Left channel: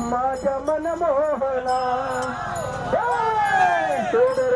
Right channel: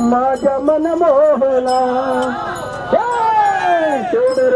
माझ्या मन मोहला सोडर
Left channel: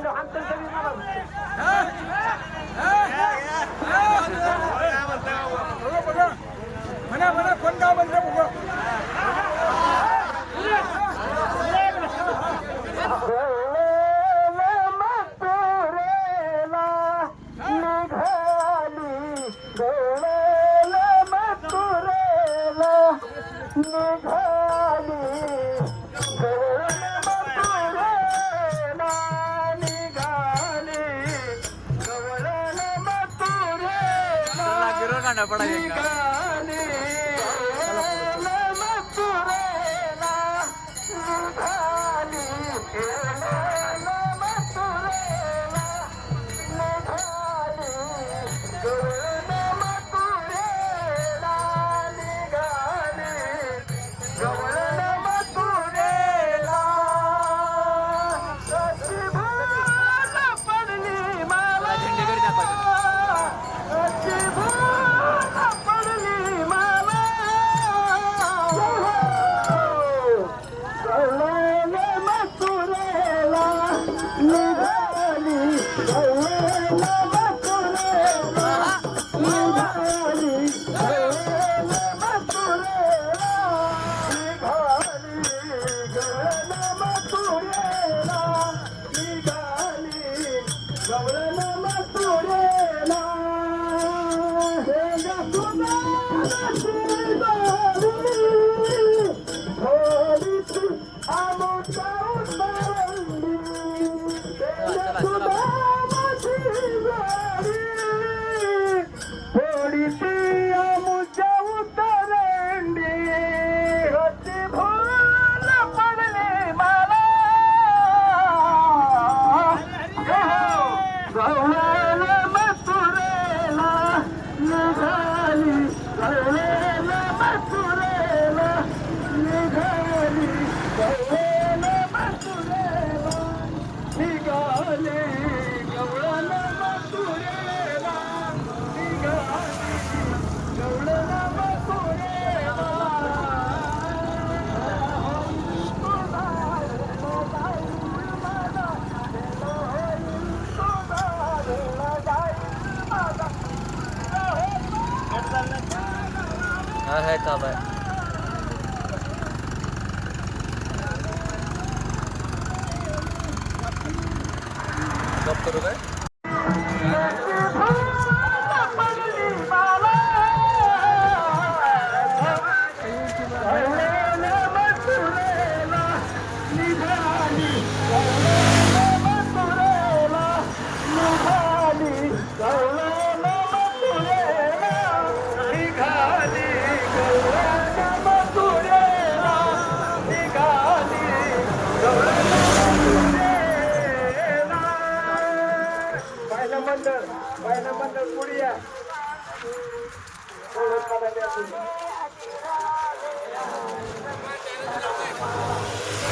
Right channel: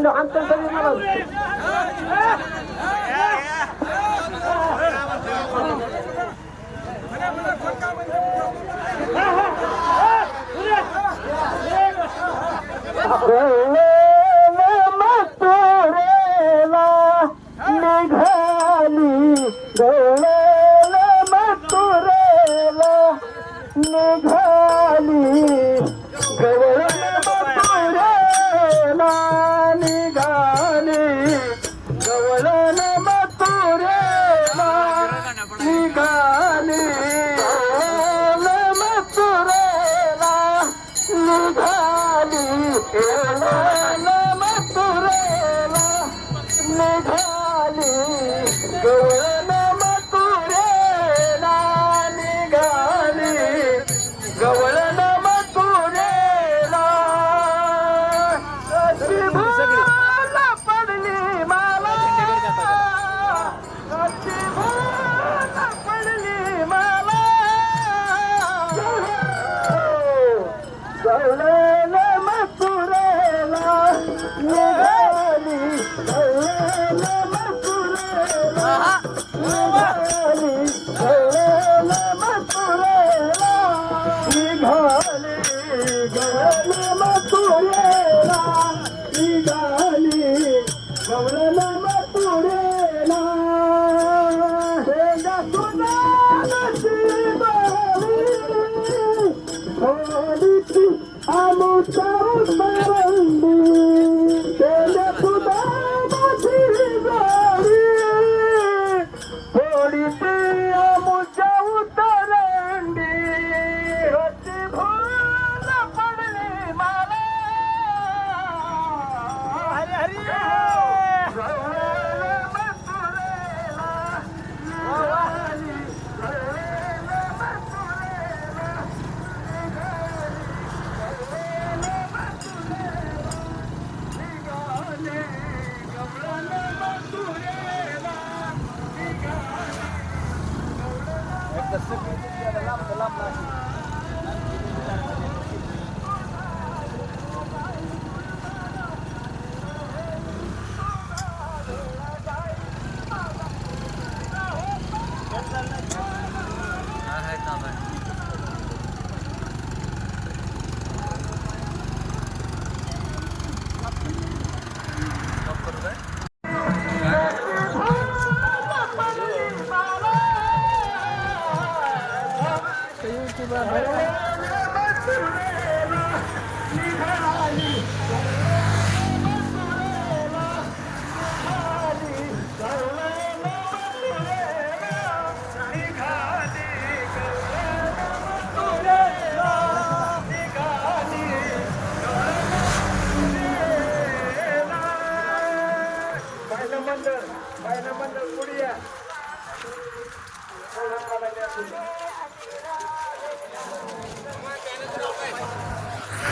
માંડો આમ તેમ કરી મારો મને મને ફોન કાવ બંધ રાખો Hello,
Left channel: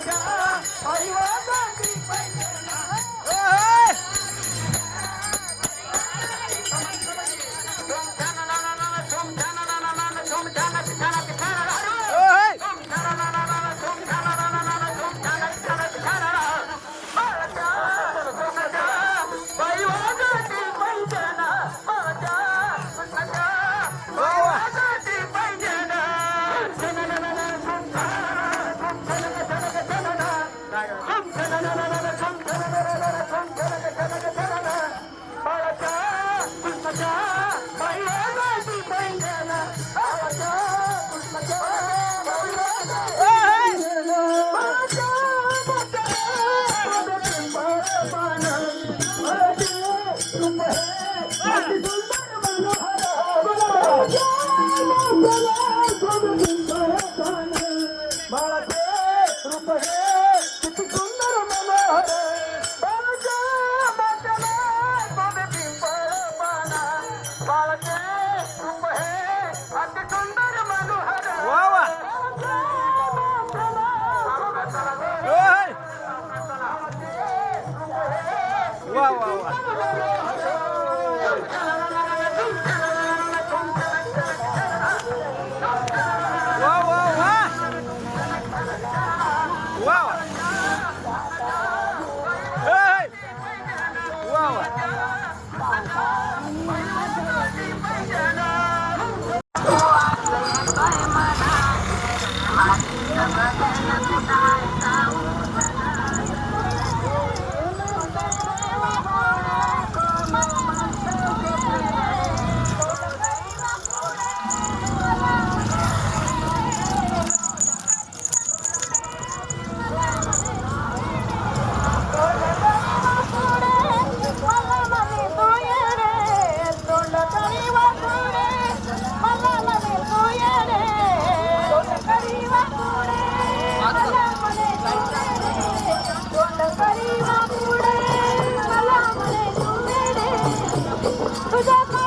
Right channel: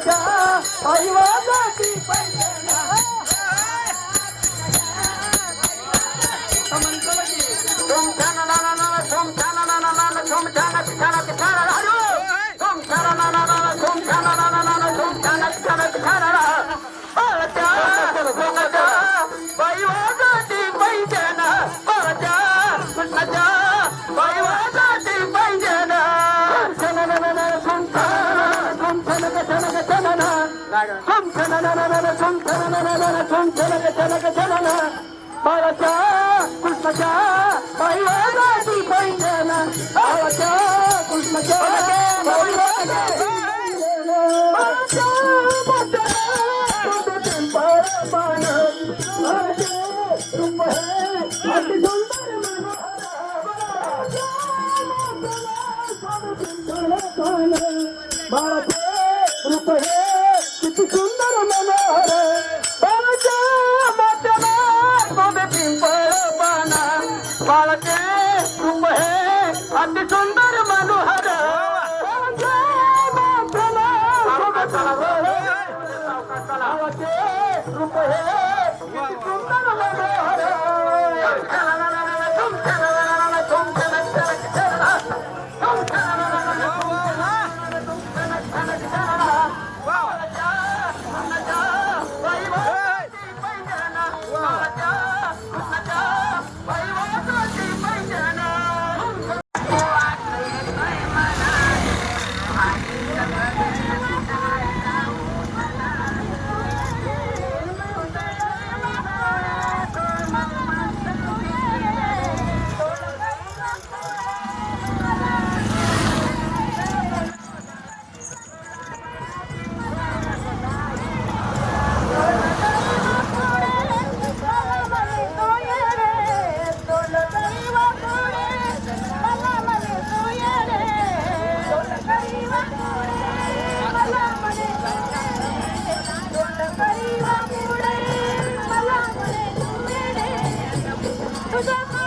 রাজা ಭಾರತ ಕುಸ್ಮಚ ಮಹಿಳಾಗಾತಿ ಭಂಜನ ಭಾರತ ಕುಸ್ಮಚ ಮಹಿಳಾಗಾತಿ ಭಂಜನ ಭಾರತ goes off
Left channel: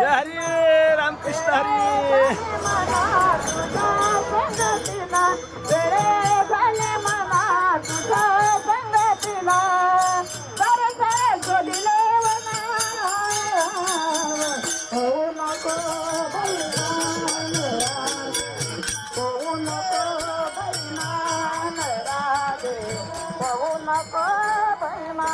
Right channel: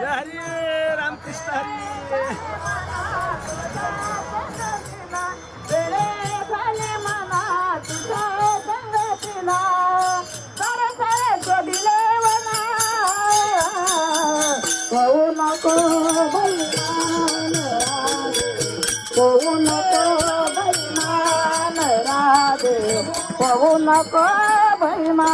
जय हरी रामकृष्ण हरी। नको भैमा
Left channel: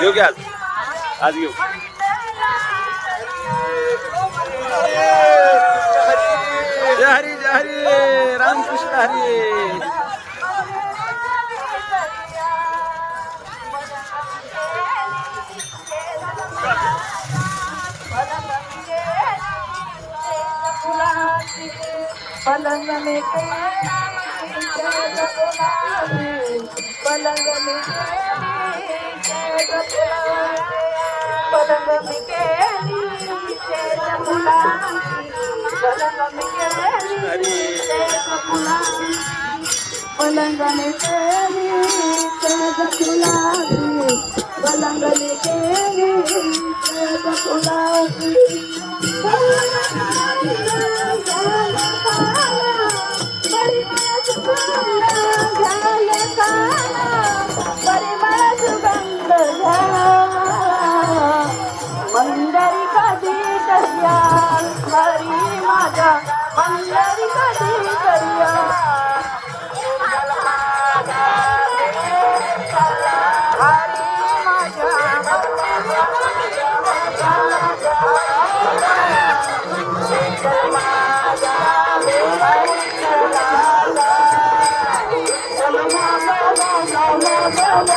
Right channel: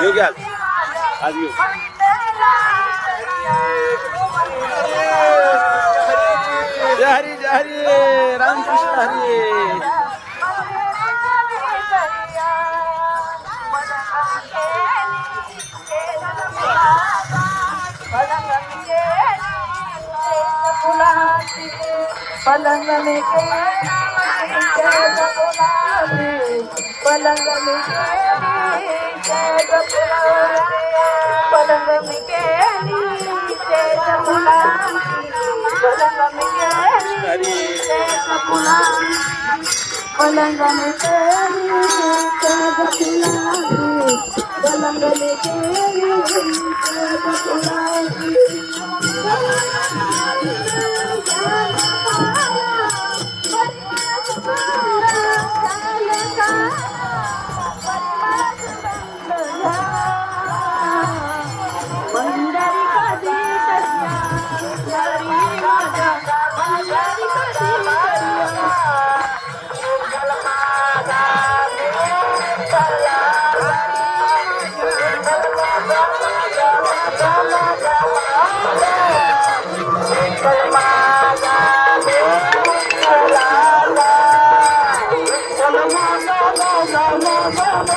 घेऊ घ्या आज. आज घेऊ जय हरी जय हरी रामकृष्ण हरी पलंग में पलंग में బలంగని కేలి చేత కులాసి బలంగని కేలి చేత కులాసి Bye.